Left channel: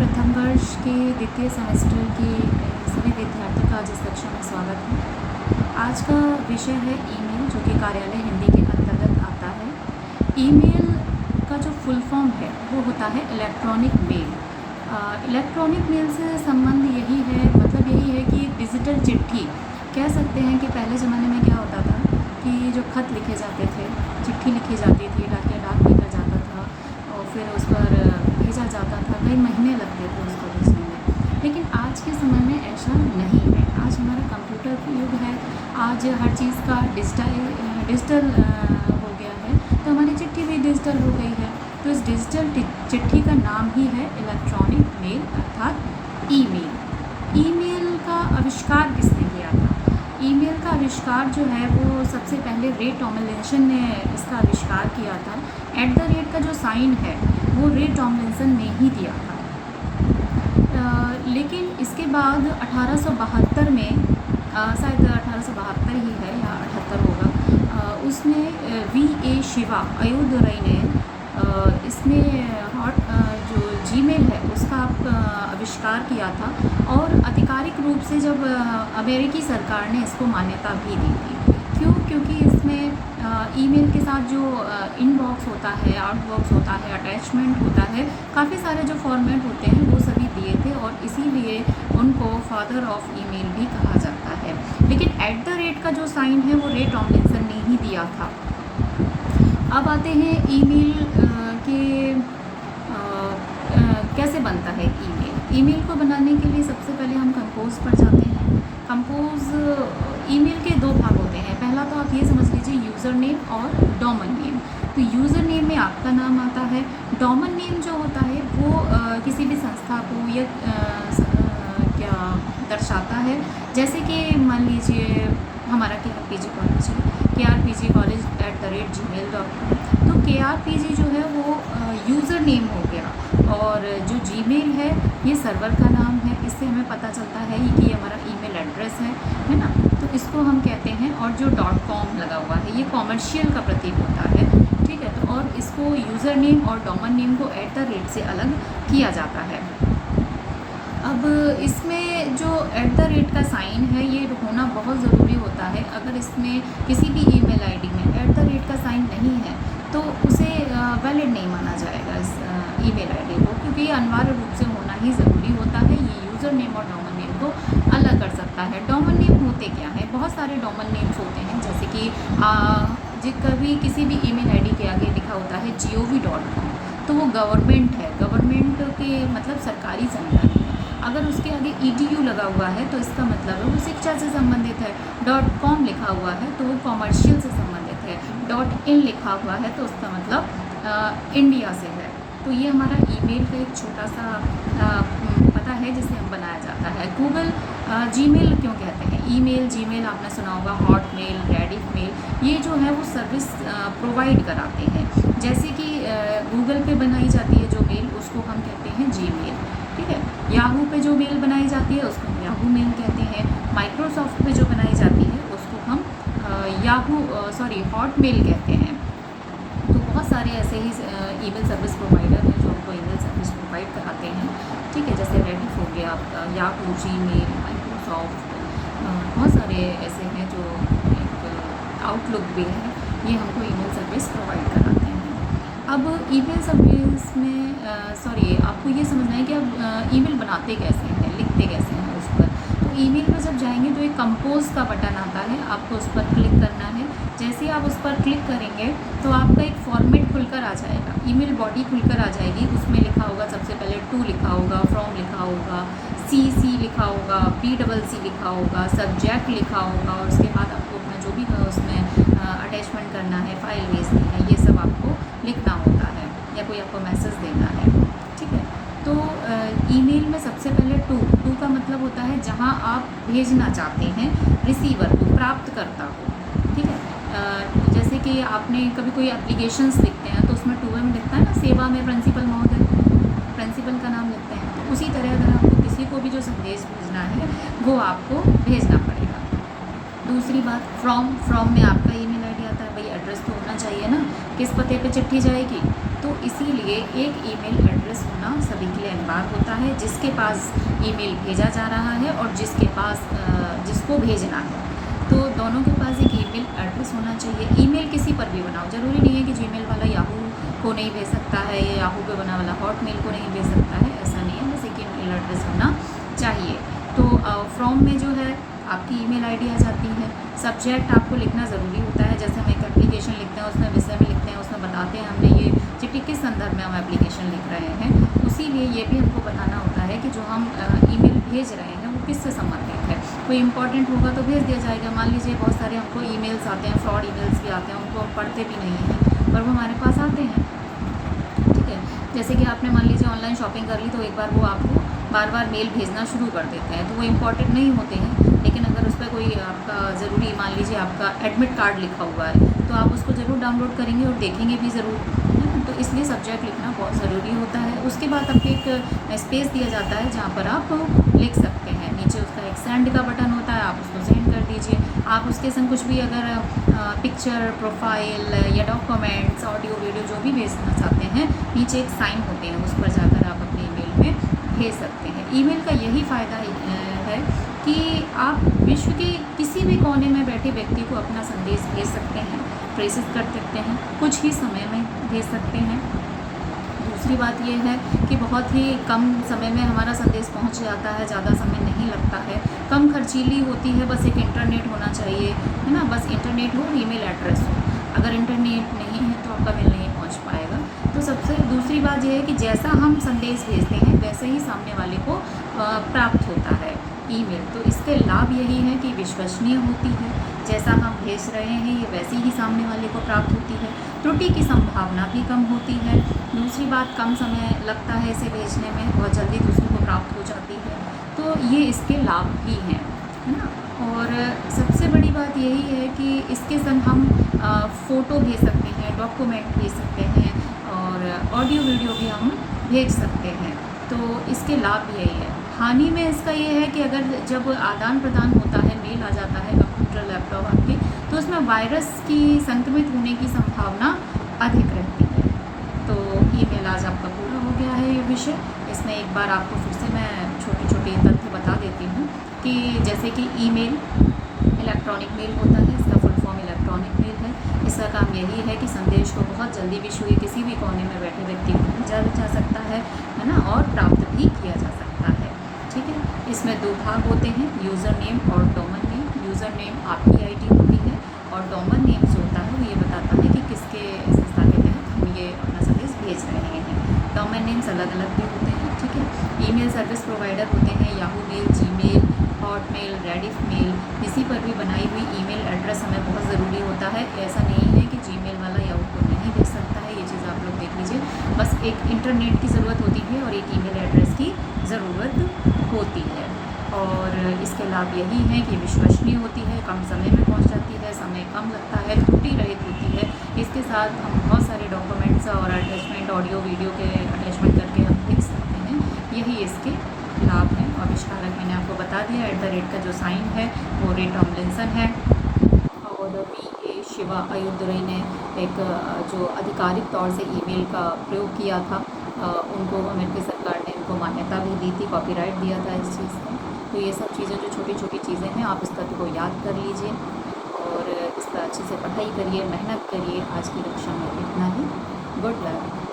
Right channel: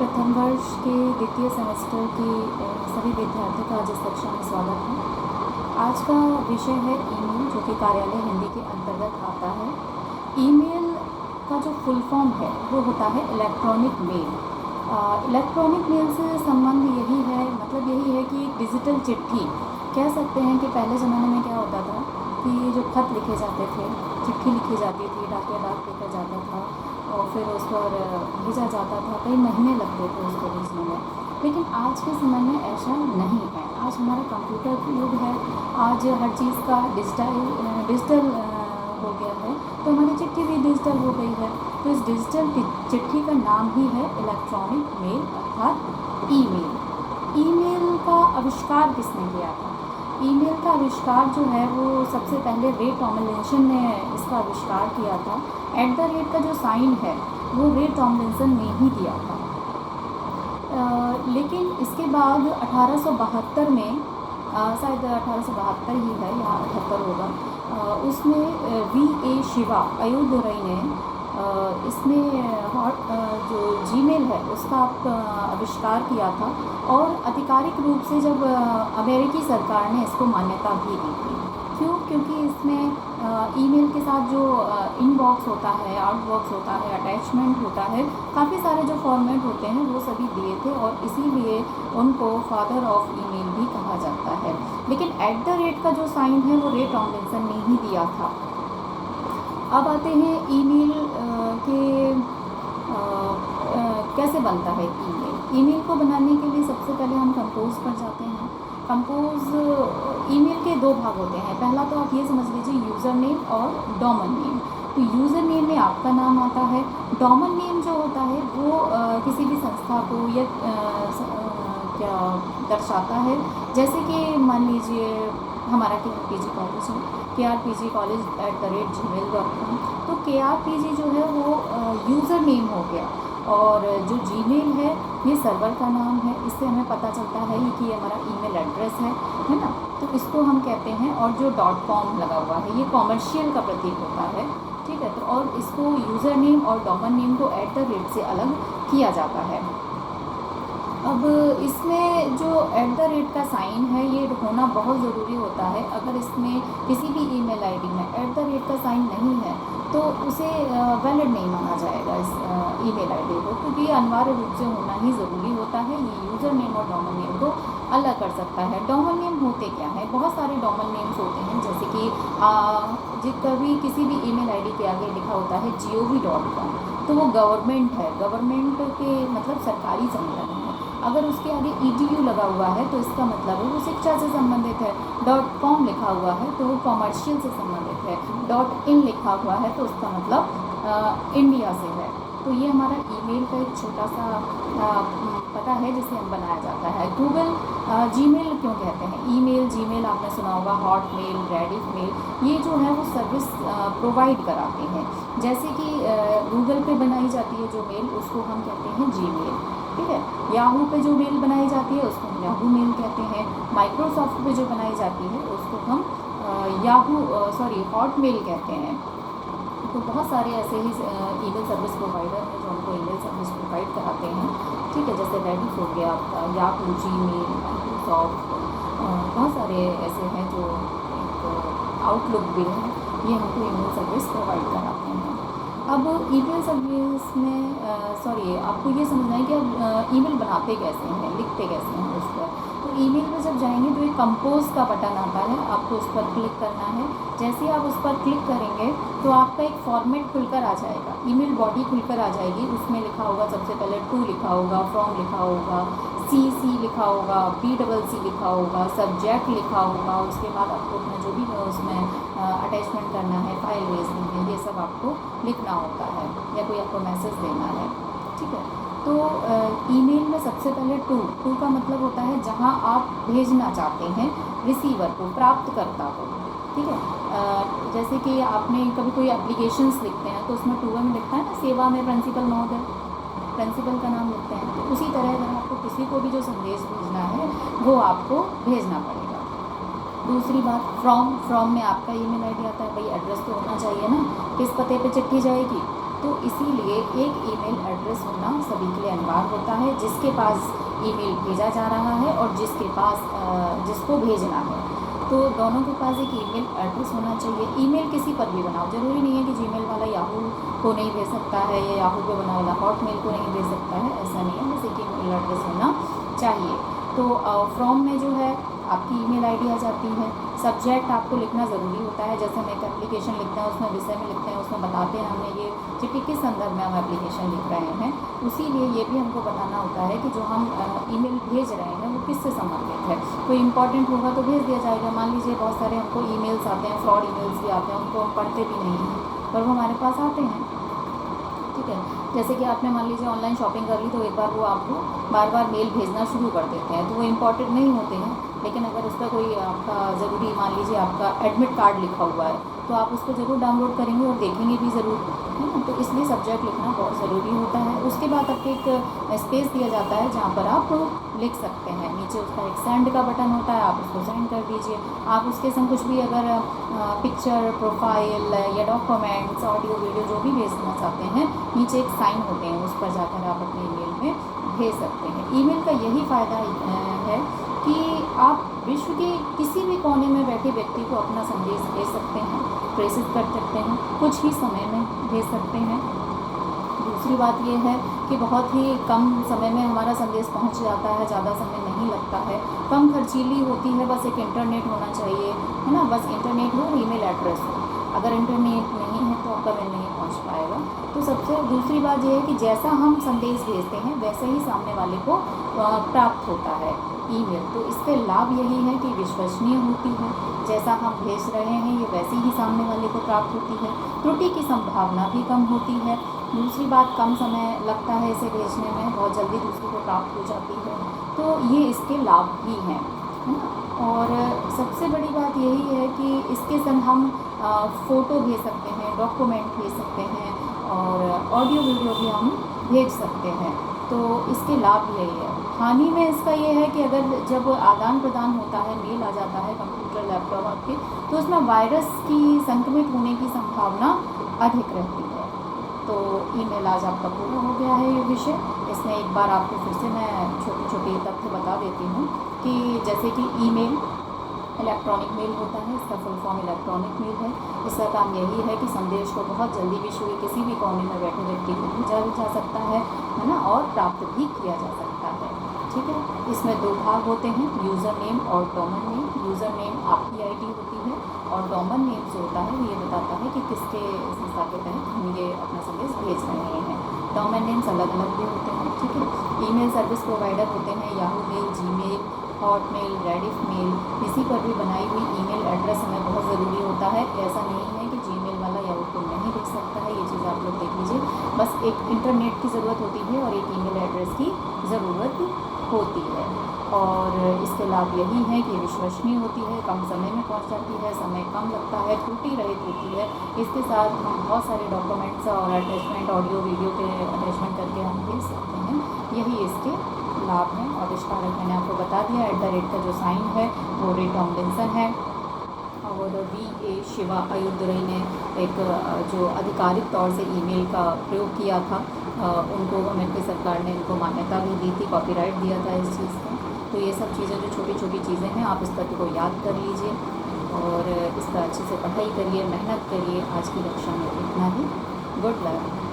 प्रथम वर्ष के द्वितीय सेमेस्टर के सभी विद्यार्थियों का आज इस कक्षा में स्वागत है। आज का विषय है ईमेल, जो कि कार्यालय हिंदी के अंतर्गत आता है। ईमेल का जो फुल फॉर्म है वो होता है इलेक्ट्रॉनिक मेल। इलेक्ट्रॉनिक मेल से संबंध यही है, मतलब यही है कि डिजिटल चिट्ठी कह सकते हैं। कि पहले ज़माने में क्या होता था कि जो खत लिखे जाते थे, चिट्ठी लिखी जाती थी, डाकिया डाक लेकर जाता था और फिर उस पर भेजा जाता था। कई महीने लगते थे उसको भेजने में। लेकिन आज के समय में ऐसा नहीं है। आज हमारा कंप्यूटर युग है। आज हर चीज़ का डिजिटल हो गया है, तो हमारी चिट्ठी भी डिजिटल हो गई है। तो इस डिजिटल चिट्ठी का नाम ही है इलेक्ट्रॉनिक मेल अर्थात ईमेल। ईमेल का आविष्कार किसने किया था? ईमेल का आविष्कार जो है वो सबसे पहले रे टॉमलिंसन ने इसका आविष्कार किया था। @ का जो साइन है वो रे टॉमलिंसन ने ही दिया था। लेकिन इसके बाद 1872 में शायद 1872 ही है या 78 होगा, उसमें VA शिवा अयोदुरई ने इसमें जो जीमेल है उसका आविष्कार किया था। और आधिकारिक रूप से जब अमेरिकी सरकार ने इसको मान्यता भी दी थी। क्यों? क्योंकि इसमें ईमेल के साथ जो इनबॉक्स होता है, आउटबॉक्स होता है, अटैचमेंट होता है, काफ़ी सारे जो फॉर्मेट होते हैं वो सभी दिए थे और इसीलिए उनको फादर ऑफ ईमेल भी कहा जाता है। लेकिन @ का जो साइन है वो रे टॉमलिंसन ने ही दिया था। अब आते हैं ईमेल के कैसे बनता है ईमेल। ईमेल को बनाने के लिए सबसे पहले हम कंपोज पर जाते हैं। कंपोज ईमेल के दो भाग होते हैं। पहला तो आप ये समझ लीजिए यूज़र नेम और डोमेन नेम। तो यूज़र नेम में आपका नाम आता है। डोमेन नेम जो होता है वो किसी भी संस्था को या क्या दर्शाता है। जैसे कि मान लीजिए हमारा KRPG कॉलेज है, krpg@gmail.com। तो KRPG जो है वो यूज़र नेम हो गया और जो जीमेल है ये सर्वर का नाम है। इससे हमें पता चलता है कि ये हमारा ईमेल एड्रेस है ना। तो इसको हम कहते हैं। और जो .com लगा हुआ है ये कॉमर्शियल का प्रतीक होता है, ठीक है। तो और इसको यूज़र नेम और डोमेन नेम को @ से अलग किया जाता है। अब इसमें जो @ का साइन है ये होना बहुत ज़रूरी होता है। अगर इसमें किसी भी ईमेल आईडी में @ का साइन नहीं है तो उसे वैलिड नहीं माना जाएगा इस ईमेल आईडी को, क्योंकि ये अनिवार्य रूप से होना ही ज़रूरी होता है। ये यूज़र नेम और डोमेन नेम को अलग कर सकता है। डोमेन नेम होते क्या हैं? बहुत सारे डोमेन नेम्स होते हैं, जैसे कि कभी किसी भी ईमेल आईडी के आगे लिखा होता है gov.com, तो वो गवर्नमेंट है। गवर्नमेंट के मतलब सरकारी संगठन है। अगर उसके आगे EDU लगा हुआ है तो इसका मतलब है वो शिक्षा से संबंधित है। .com लिखा हुआ है तो वो कॉमर्शियल से संबंधित है। .in लिखा हुआ है तो उसका मतलब इंडिया से है। तो ये हमारा ईमेल का एक छोटा सा पता है जिसे हम बनाया जाता है। गूगल जीमेल क्यों कहते हैं? ईमेल, जीमेल आपने सुना होगा, हॉटमेल, रेडिफ मेल, ये जो है वो सर्विस प्रोवाइड कराते हैं। जैसे कि गूगल पे बनाई जाती है जो मेल, उसको हम कहते हैं जीमेल, ठीक है। याहू पे जो मेल बनाई जाती है उसको हम याहू मेल कहते हैं। माइक्रोसॉफ्ट पे जो बनाई जाती है उसको हम हॉटमेल कहते हैं। तो बहुत सारे ऐसे ही ईमेल सर्विस प्रोवाइडर हैं जो उनको ईमेल सर्विस प्रोवाइड कराते हैं, ठीक है। जैसे रेडिफ हो गया आपका, याहू, जीमेल, माइक्रोसॉफ्ट, बहुत सारे ऐसे हैं जो एक आउटलुक भी है, ये हमको ईमेल सर्विस प्रोवाइड कराते हैं। अब ईमेल सर्विस में आपको ये समझना है कि अब ईमेल बनाते कैसे हैं, लिखते कैसे हैं उस पर। तो ईमेल में जब जाएंगे तो एक कंपोज का बटन आता है, आपको उस पर क्लिक करना है। जैसे ही आप उस पर क्लिक करेंगे तो आपका एक फॉर्मेट खुलकर आ जाएगा, ईमेल बॉडी खुलकर आ जाएगी। उसमें लिखा होगा सबसे पहले टू लिखा होगा, फ्रॉम लिखा होगा, CC लिखा होगा, BCC लिखा होगा, सब्जेक्ट लिखा होगा और उसके बाद आपको अपना जो भी उसमें अटैचमेंट करना है, फाइल भेजनी है, ये सब आपको लिखना होता है या कोई आपको मैसेज देना है, ठीक है। तो ईमेल में सबसे पहले टू का मतलब होता है जहां आप भेजना चाहते हैं रिसीवर को, प्राप्तकर्ता को, ठीक है। जैसे कि आपने कभी कोई एप्लीकेशंस लिखते हैं तो उसमें 2 में लिखता है ना, सेवा में प्रिंसिपल महोदय, प्रिंसिपल का नाम लिखते हैं। तो उसी तरह अगर आपको किसी को भी जो संदेश भेजना है वो आपको भेजना पड़ेगा। दूसरी बात, फ्रॉम में आपका ईमेल आईडी आता है। भाई एड्रेस तो होना चाहिए ना, किस पते पे चिट्ठी जाएगी, तो इसीलिए एक ईमेल एड्रेस होना सभी के लिए अनिवार्य होता है, जिसके पास ईमेल भेजा जा रहा है और जिसके पास जिसको भेजना है, तो दोनों के पास एक ईमेल एड्रेस होना चाहिए। ईमेल किसी पर भी बनाओ, ज़रूरी नहीं है कि जीमेल वाला याहू को नहीं भेज सकता है या याहू पे बना वाला हॉटमेल को नहीं भेज सकता है, ऐसा नहीं है, बस एक ईमेल एड्रेस होना चाहिए। तो फ्रॉम में जो है आपकी ईमेल आईडी आ जाती है। सब्जेक्ट आपको लिखना ज़रूरी होता है, जैसे हम एक एप्लीकेशन लिखते हैं उसमें विषय में लिखते हैं, उसमें बताते हैं हमने ये चिट्ठी किस संदर्भ में हम एप्लीकेशन लिख रहे हैं, उसीलिए ये भी हमको बताना होता है कि जो हम ईमेल भेज रहे हैं वो किससे संबंधित है। कोई इंपॉर्टेंट होगा तो भेज दिया जाएगा। मान लीजिए बहुत सारे हमको ईमेल्स आते हैं, फ्रॉड ईमेल्स भी आते हैं, उनको हम पढ़ते भी नहीं हैं पर वो हमारे पास आते हैं, ठीक है। जैसे कि आपने मान लीजिए ऑनलाइन शॉपिंग कर ली तो एक बार वो आपको बार बार मेल भेजना शुरू कर देते हैं, तो वो इम्पॉर्टेंट नहीं होते हैं, लेकिन अगर उस पर कोई आपका ज़रूरी, मान लीजिए आपका एडमिट कार्ड लिखा हुआ है, तो आप उसको ज़रूर डाउनलोड करेंगे और देखेंगे भी ज़रूर, है ना। तो इसलिए सब्जेक्ट लिखना बहुत ज़रूरी होता है। उसके बाद आपको एक स्पेस दिया जाता है जहाँ पर आप लिख सकते हैं। नीचे उसका एक सेंड का बटन होता है, आप उसको सेंड कर दीजिए। आप उसके संग कुछ भी अगर पिक्चर, प्रोफाइल या डॉक्यूमेंट्स, ऑडियो, वीडियो जो भी भेजना चाहते हैं, नीचे एक साइन होते हैं, उस पर जाकर आप अपने ईमेल में भेज सकते हैं। ईमेल का यही फ़ायदा है कि आप विश्व के किसी भी कोने में बैठे व्यक्ति को अपना संदेश भेज सकते हैं, प्रेषित कर सकते हैं, कुछ ही समय में भेज सकते हैं। दूसरी बात ये है कि बहुत ही कम समय में हमारा संदेश पहुंच जाता है, ज़्यादा समय नहीं लगता है, कम खर्चीली होती है, बस एक इंटरनेट होना चाहिए, है ना। बस इंटरनेट हो और ईमेल एड्रेस हो। अगर इंटरनेट नहीं है तो आपका मेल नहीं पहुंच पाएगा। तो सबसे दूसरी बात यह है कि जैसा हम संदेश भेजते हैं वैसे ही सामने वाले को प्राप्त होता है ईमेल। तो इसके लाभ यही है कि विश्वसनीय होती है, जैसा हम भेज रहे हैं ये वैसी ही सामने वाले को प्राप्त होती है, त्रुटि की संभावना भी कम होती है। दूसरी बात, कम समय लगता है इसे भेजने में, बहुत जल्दी दूसरे को प्राप्त हो जाती है। तो ये इसके लाभ भी हैं, है ना। और सबसे बड़ी बात यही है कि इसके संग हम फ़ोटो भेज सकते हैं, डॉक्यूमेंट भेज सकते हैं और ऑडियो वीडियो भी हम भेज सकते हैं। तो इसके लाभ यही है। हानि में इसका ये है कि अगर जब आदान प्रदान होता है, मेल आ जाता है कंप्यूटर, लैपटॉप आपके, तो उसमें वायरस की संक्रमित होने की संभावना अधिक रहती है। तो ईमेल आज आपका पूरा हो गया है ये विषय। इसमें एक बार आपको फिर से मैं छोटी छोटी तथ्य बता देती हूँ कि जैसे कि ईमेल इलेक्ट्रॉनिक मेल होता है, इसका फुल फॉर्म इलेक्ट्रॉनिक मेल है। इसका काम यही है कि संदेश को बहुत जल्दी विश्व के किसी भी कोने में बैठे व्यक्ति को भेजा जा सकता है ना, और प्राप्त भी किया जा सकता है, ठीक है। इसमें दो भाग होते हैं, यूज़र नेम और डोमेन नेम। यूज़र नेम आपकी आईडी होती है और डोमेन नेम जो होता है वो ये बताता है कि किसके संस्था के तहत हम ये अपना संदेश भेज रहे हैं। डोमेन नेम्स अलग अलग भी होते हैं, ठीक है। ईमेल सर्विस प्रोवाइडर होते हैं Yahoo mail, Gmail, Hotmail, Rediff mail. इसी पर भी बनाई हुई ईमेल एड्रेस हमें बहुत ज़रूरी होता है। ऐसा नहीं है कि जीमेल वाला याहू को नहीं भेज सकता है, ये चीज़ आप लोग देख लीजिए। बस एक इंटरनेट की ज़रूरत होती है और एक ईमेल एड्रेस की ज़रूरत होती है। और इसके लाभ यही है कि विश्वसनीय होती है, कम समय में पहुंच जाती है, समय कम लगता है, त्रुटि रहित होती है। इसके साथ हम बहुत सारे डॉक्यूमेंट्स और अटैचमेंट, ऑडियो वीडियो के अटैचमेंट करके हम भेज सकते हैं। यही इसके लाभ हैं। आविष्कारक मैंने आपको बता दिया, @ का जो साइन है वो रे टॉमलिंसन है और VA शिवा अयुर्दुरई ने एक जो आधिकारिक तौर से ईमेल का प्रयोग किया था, उनको अमेरिकी सरकार ने उनको मान्यता भी दी थी, कॉपीराइट दिया था इस चीज़ का। तो ये सब चीज़ें जो छोटी छोटी चीज़ें हैं, आप इस तथ्य को याद कर लीजिए और इस पर अच्छे से पढ़ाई करिए, मेहनत करिए। आज की कक्षा में इतना ही। Good luck.